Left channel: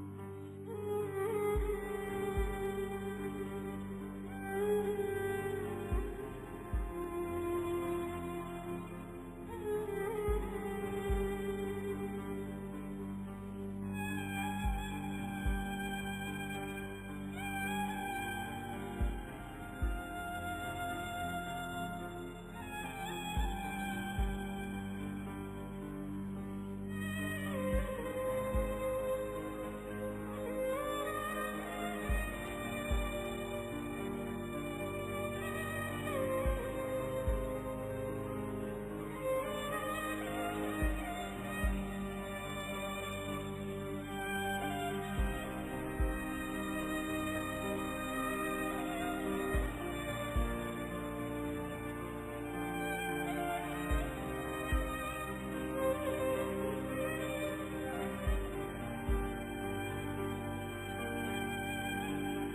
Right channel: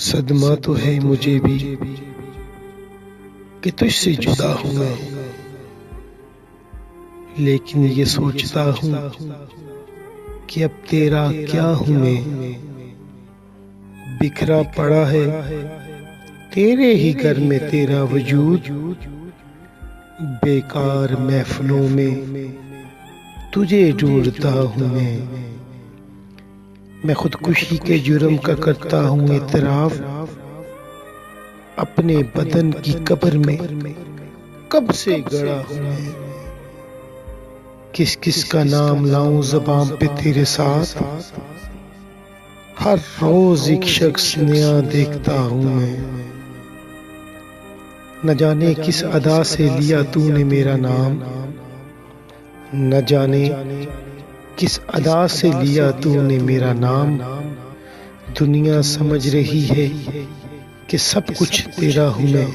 सदमा तो है मुझे भी कि तुझसे जुदा हूँ मैं, लेकिन ये सोचता हूँ कि अब तेरा क्या हूँ मैं। बिखरा पड़ा है तेरे ही घर में तेरा वजूद, बेकार महफिलों में तुझे ढूंढता हूँ मैं खुदकुशी के जुर्म का करता हूँ इतराफ। अपने बदन की कब्र में कब से गड़ा हूँ मैं। किस किस का नाम लाऊं ज़बान पे तेरे साथ, हर रोज एक शख्स नया देखता हूँ मैं। न जाने किस अदा से लिया तूने मेरा नाम, न जाने किस अदा से लिया तूने मेरा नाम। दुनिया समझ रही है कि सब कुछ तेरा हूँ मैं।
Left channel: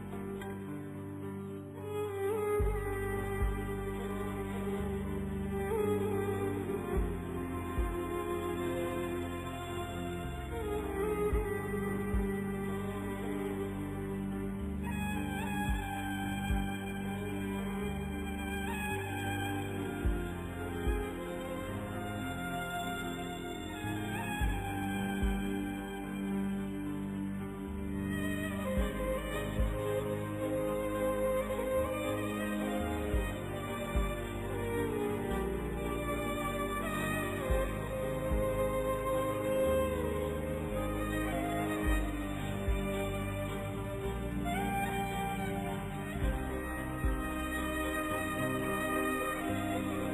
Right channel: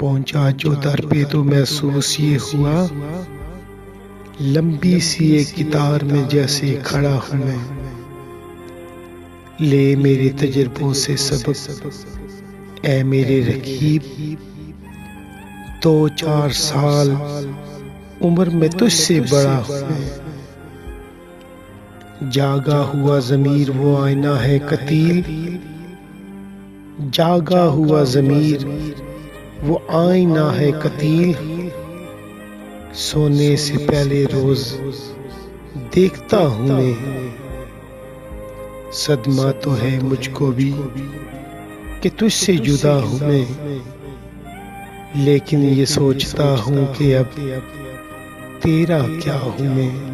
पहुंचा जो दर पे तो महसूस ये हुआ, लंबी सी एक कितार में जैसे खड़ा हूँ मैं। ले मेरे तजुर्बों से सबक ऐ मेरे रकीब, 2-4 साल उम्र में तुझसे बड़ा हूँ मैं। जागा हुआ ज़मीर वो आईना है कतील, जागा हुआ ज़मीर वो आईना है कतील। सोने से पहले रोज देखता हूँ मैं। सदमा तो है मुझको भी कि तुझसे जुदा हूँ मैं, लेकिन ये सोचता हूँ कि अब तेरा क्या हूँ मैं।